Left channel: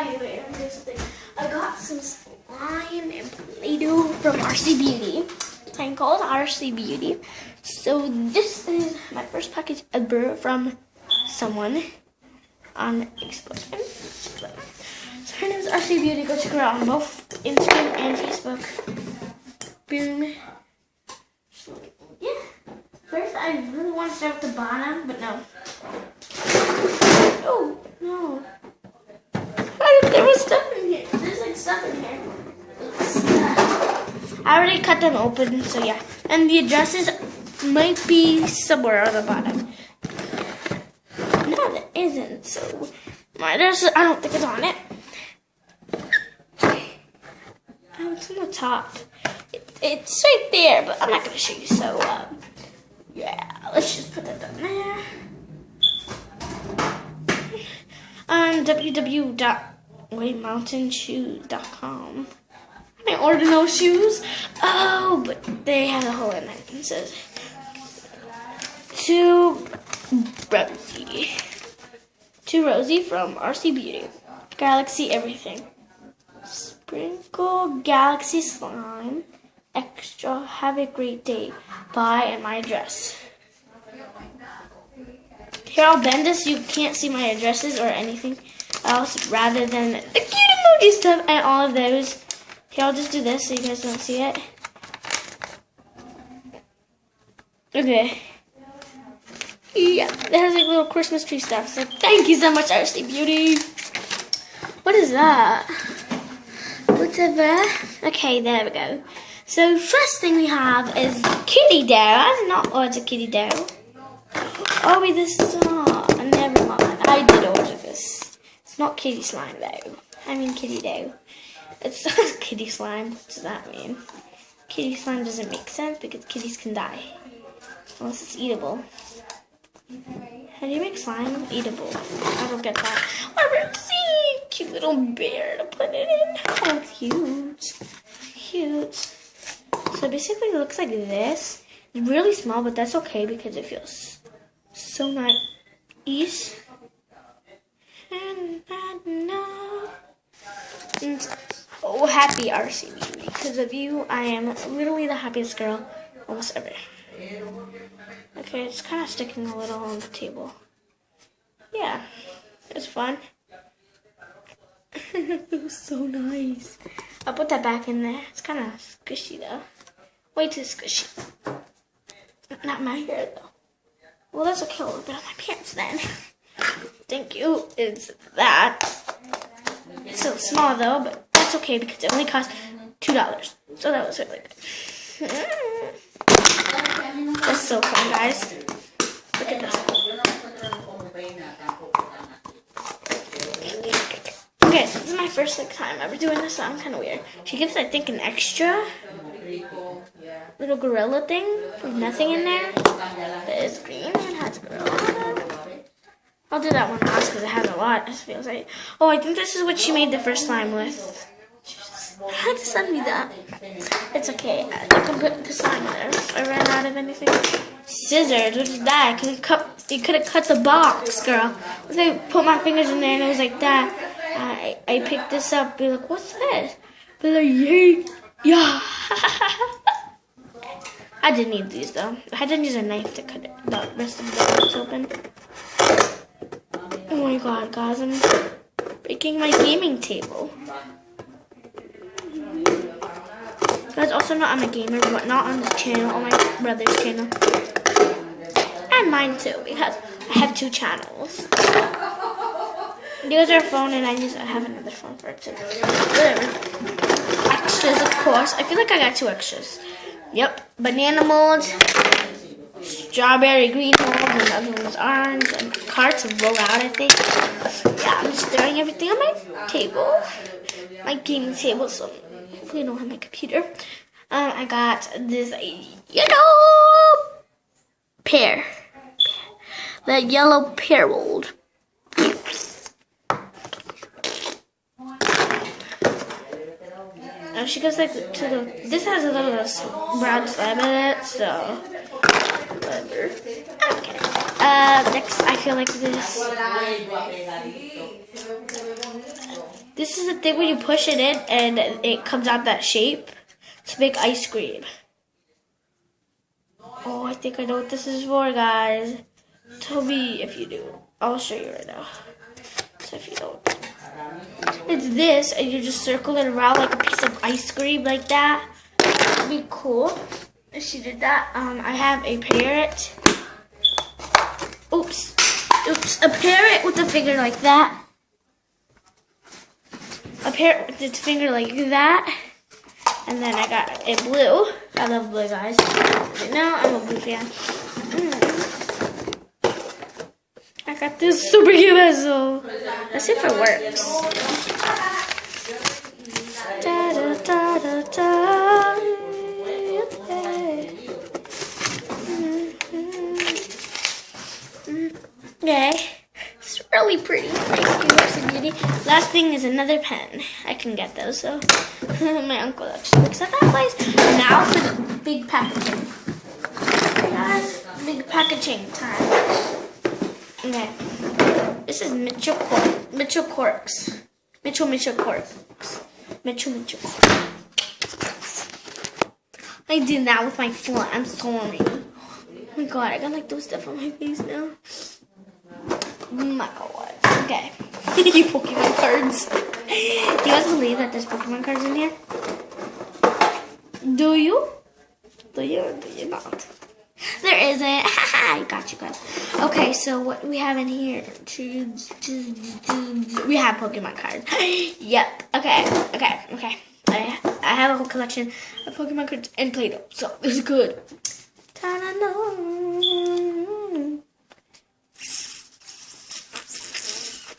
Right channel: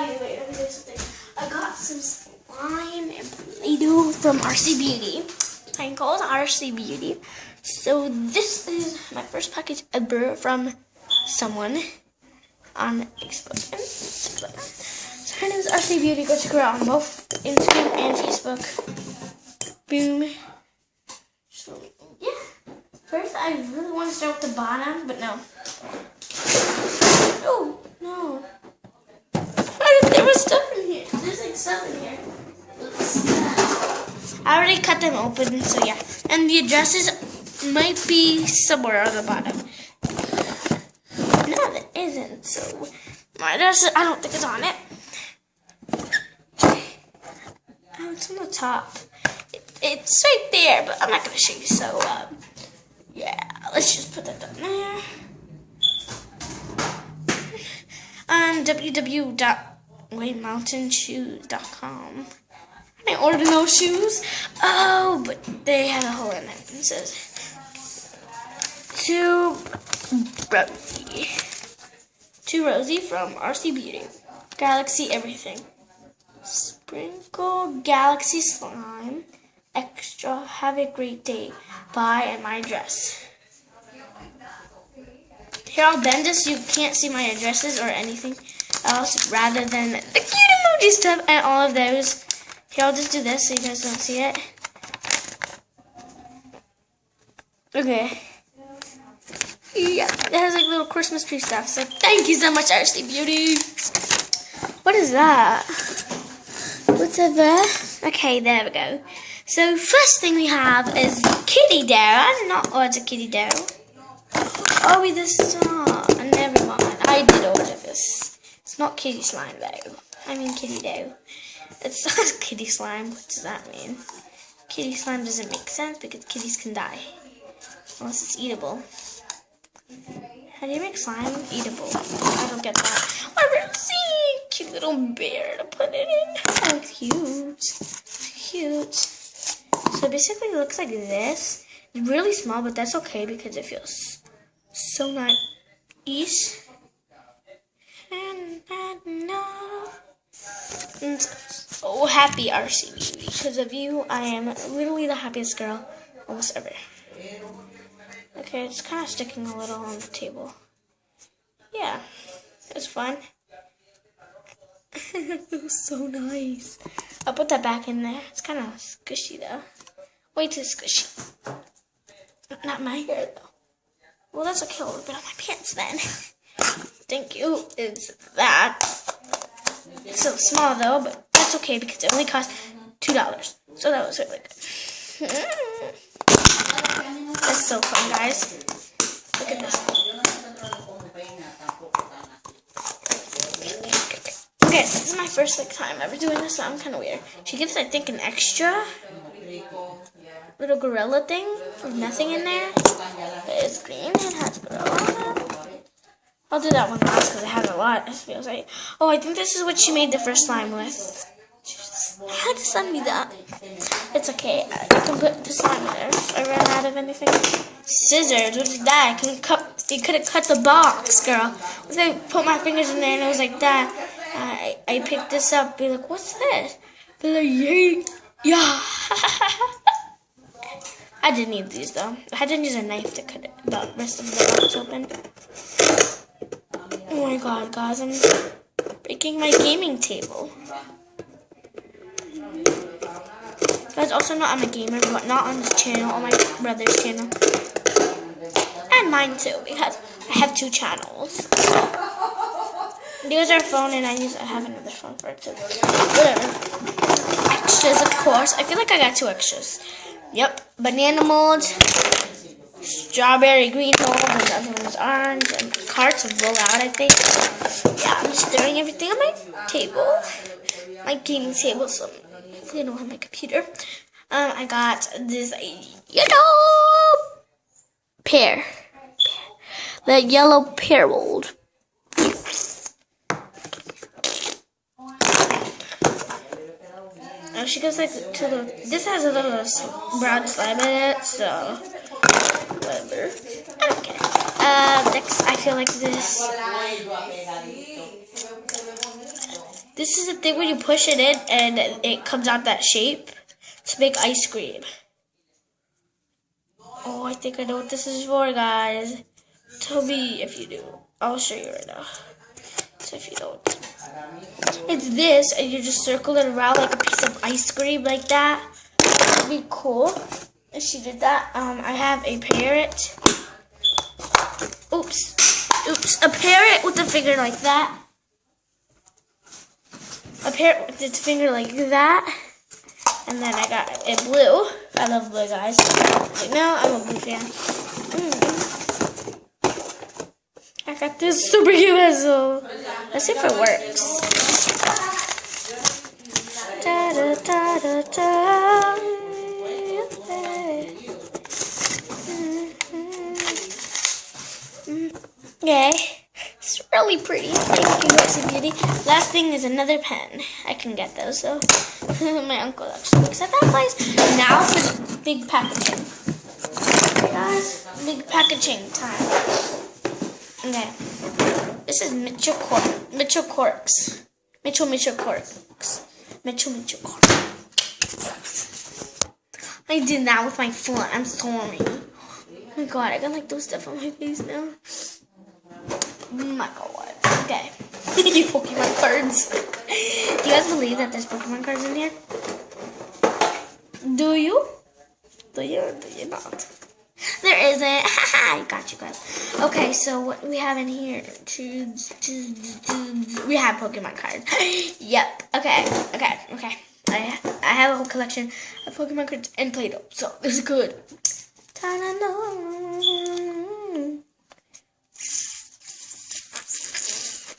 anyway, let me do something. I got some slime and Play-Doh from RC Beauty. I'm called RC Beauty. So this is my first package ever from someone on Facebook. So her name is RC Beauty. Go check her out on both Instagram and Facebook. Boom. So, yeah. First, I really want to start with the bottom, but no. Oh, no. There was stuff in here. There's like stuff in here. I already cut them open, so yeah. And the addresses might be somewhere on the bottom. No, there isn't. So my address, I don't think it's on it. It's on the top. It's right there, but I'm not going to show you. So, yeah. Let's just put that down there. www.waymountainshoes.com. I ordered no shoes. Oh, but they have a hole in it. It says, to Rosie from RC Beauty. Galaxy everything. Sprinkle Galaxy Slime. Extra. Have a great day. Bye, and my address. Here, I'll bend this so you can't see my addresses or anything else rather than the cute emoji stuff and all of those. Here, I'll just do this so you guys don't see it. Okay. Yeah, it has like little Christmas tree stuff. So thank you so much, RC Beauty. What is that? What's over? Okay, there we go. So first thing we have is kitty dough. I did not order kitty dough. Oh, wait, this is never mind. I did order this. It's not kitty slime though. I mean kitty dough. It's not kitty slime. What does that mean? Kitty slime doesn't make sense because kitties can die. Unless it's eatable. How do you make slime eatable? I don't get that. I really see cute little bear to put it in. Oh, cute. Cute. So basically it looks like this. It's really small, but that's okay because it feels so nice. And so happy, RC Beauty. Because of you, I am literally the happiest girl almost ever. Okay, it's kind of sticking a little on the table. Yeah, it's fun. It feels so nice. I'll put that back in there. It's kind of squishy though. Way too squishy. Not my hair though. Well, that's okay. I'll rip it on my pants then. Thank you. It's that. It's so small though, but that's okay because it only cost $2. So that was really good. That's so fun, guys. Look at this. Okay, so this is my first time ever doing this, so I'm kind of weird. She gives, I think, an extra little gorilla thing with nothing in there. But it's green and it has gorilla. I'll do that one last because it has a lot. It feels like. Oh, I think this is what she made the first slime with. How to send me that? It's okay. I can put the slime in there. I ran out of anything. Scissors. What is that? You could have cut the box, girl. I put my fingers in there and it was like that. I picked this up. Be like, what's this? Be like, yay. Yeah. I didn't need these though. I had to use a knife to cut the rest of the box open. Oh my god, guys. I'm breaking my gaming table. Guys, also not I'm a gamer, but not on this channel, on my brother's channel. And mine too, because I have 2 channels. There's our phone, and I have another phone for it too. Whatever. Extras, of course. I feel like I got 2 extras. Yep. Banana mold, strawberry green mold, and the other one was orange, and cards will roll out, I think. Yeah, I'm just throwing everything on my table. My gaming table, so hopefully I don't have my computer. I got this yellow pear. The yellow pear mold. Oh, she goes like to the. This has a little brown slime in it, so whatever. I don't care. Next, I feel like this. This is the thing when you push it in and it comes out that shape to make ice cream. Oh, I think I know what this is for, guys. Tell me if you do. I'll show you right now. So if you don't. It's this, and you just circle it around like a piece of ice cream like that. That'd be cool if she did that. I have a parrot. Oops. A parrot with a finger like that. A parrot with its finger like that. And then I got a blue. I love blue, guys. Right now, I'm a blue fan. I got this super cute pencil. Let's see if it works. Da, da, da, da, da. Okay. It's really pretty. Thank you, Lexi Beauty. Last thing is another pen. I can get those, so my uncle actually looks at that place. Now for the big packaging. Okay, guys, big packaging time. Okay. This is Mitchell Corks. I did that with my foot. I'm sorry. Oh my god, I got like those stuff on my face now. Oh my god. Okay. Pokemon cards. Do you guys believe that there's Pokemon cards in here? Do you? Do you or do you not? There isn't. I got you guys. Okay, so what we have in here? We have Pokemon cards. Yep. Okay. I have a whole collection of Pokemon cards and Play-Doh, so this is good.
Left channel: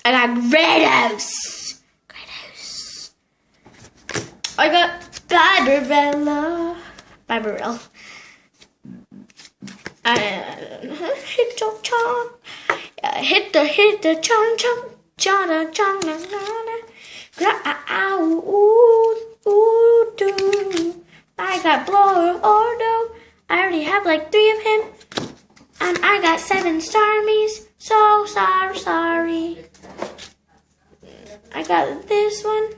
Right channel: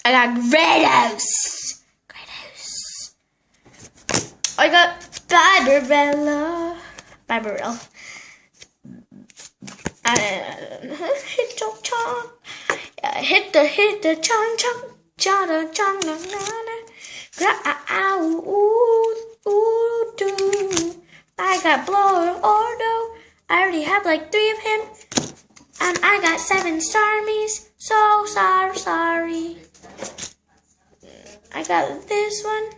I got Gyarados. I got Bibarel. Hit the chong. I got Blordo. I already have like 3 of him. And I got 7 Starmies. So sorry. I got this one.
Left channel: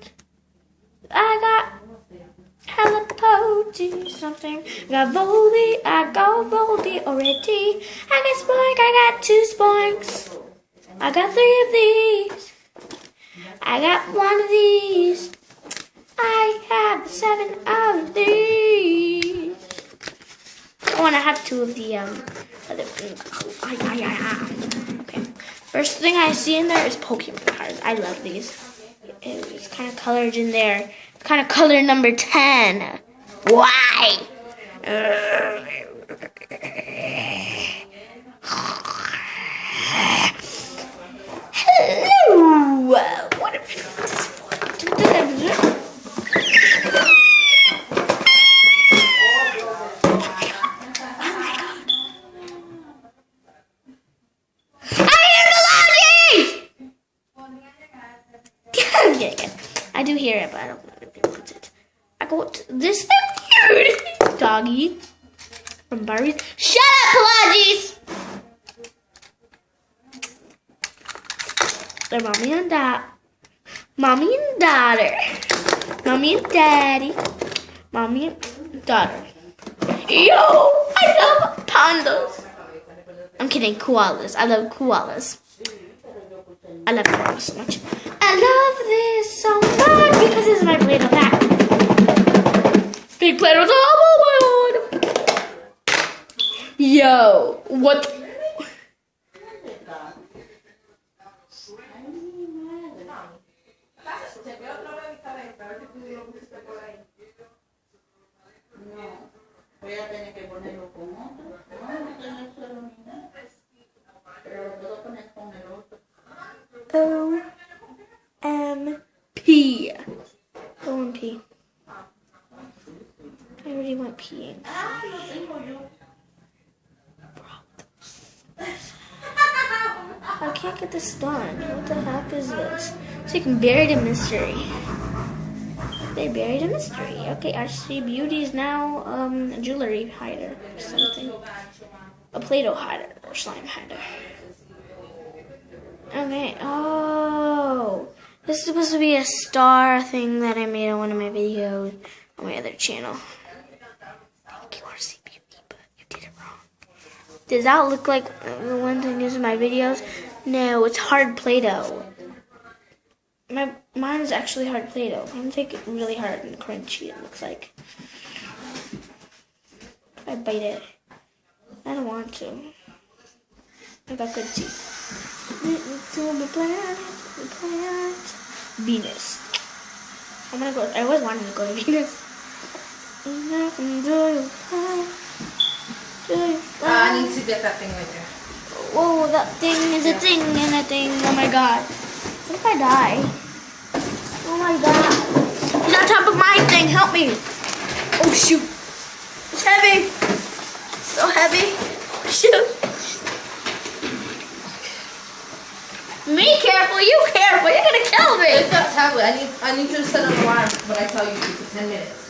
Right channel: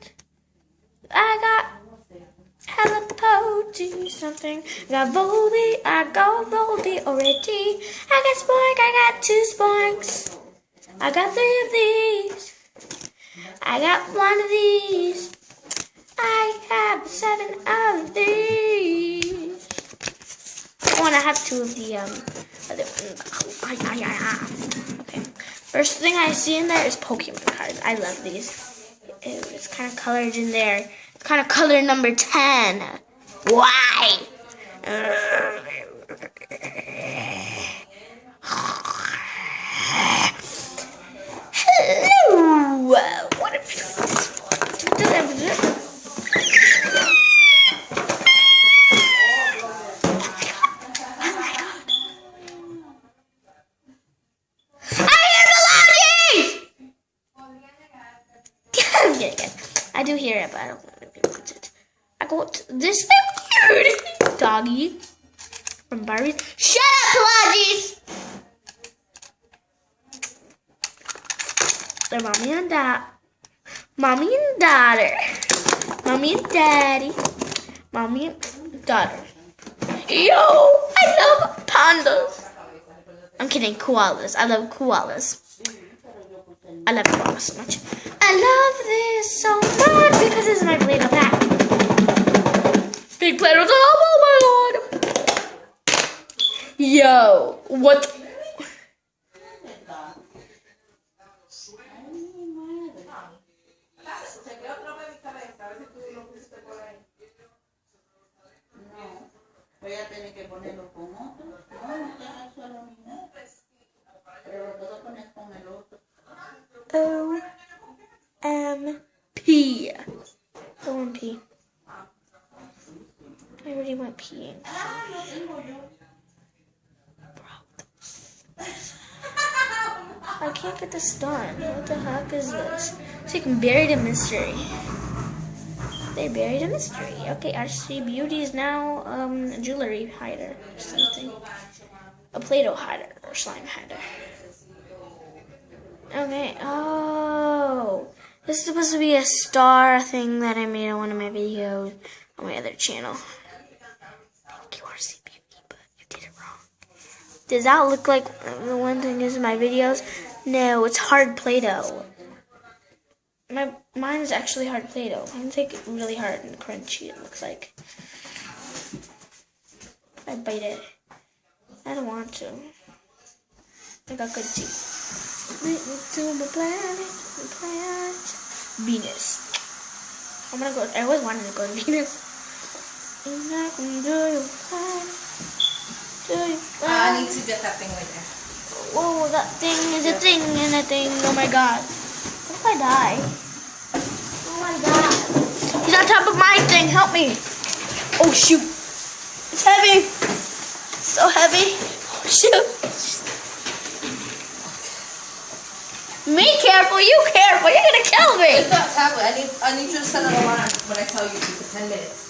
I got Helipoti something. I got Volby. I got Volby already. I got Spork. I got 2 Sporks. I got 3 of these. I got 1 of these. I have 7 of these. Oh, and I have 2 of the Okay. First thing I see in there is Pokemon cards. I love these. It's kind of colored in there. Kind of color number 10. Why? Hello. What if I do hear it, but I don't want to be able to. I got this weird doggy from Barbie. Shut up, Pelagis! They're mommy and dad. Mommy and daughter. Mommy and daddy. Mommy and daughter. Yo! I love pandas. I'm kidding, koalas. I love koalas. I love koalas so much. I love this so much because this is my Play-Doh pack. Big Play-Doh. Oh my god. Yo, what? O-M-P. O-M-P. I really want peeing. I can't get this done. What the heck is this? So you can bury the mystery. They buried a mystery. Okay, RC Beauty is now a jewelry hider or something. A Play-Doh hider or slime hider. Okay, oh. This is supposed to be a star thing that I made on one of my videos on my other channel. Thank you, RC Beauty, but you did it wrong. Does that look like the one thing is in my videos? No, it's hard Play-Doh. Mine is actually hard Play-Doh. Mine's like really hard and crunchy, it looks like. If I bite it, I don't want to. I got good teeth. To the planet, Venus. I'm gonna go. I always wanted to go to Venus. I need to get that thing right there. Whoa, that thing is a thing and a thing. Oh my god. What if I die? Oh my god. It's on top of my thing. Help me. Oh shoot. It's heavy. It's so heavy. Shoot. Me careful, you careful. You're gonna kill me. It's not tablet. I need you to set an alarm when I tell you to for 10 minutes.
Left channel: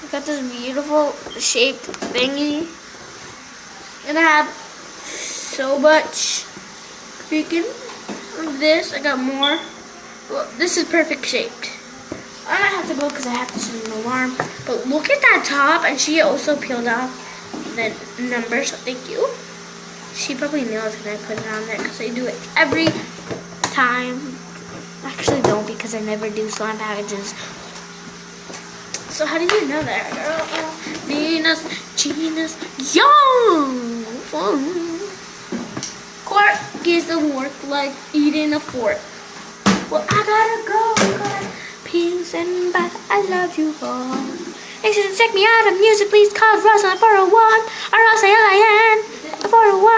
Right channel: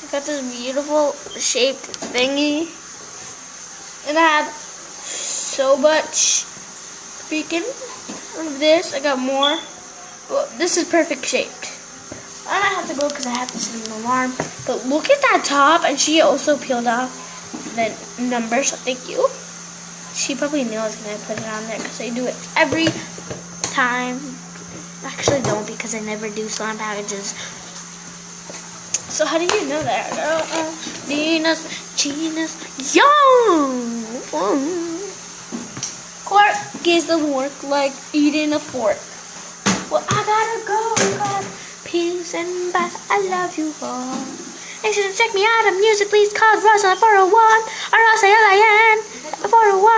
I got this beautiful shaped thingy. And I have so much freaking of this. I got more. Well, this is perfect shaped. I might have to go because I have to set an alarm. But look at that top. And she also peeled off the numbers. So thank you. She probably knew I was going to put it on there because I do it every time. I actually don't because I never do slime packages. So how did you know that, girl? Venus, Genus, Young. Clark doesn't work like eating a fork. Well, I gotta go. God. Peace and bye. I love you all. Make sure to check me out on music. Please call Rosa 401 or Rosa LIN 401.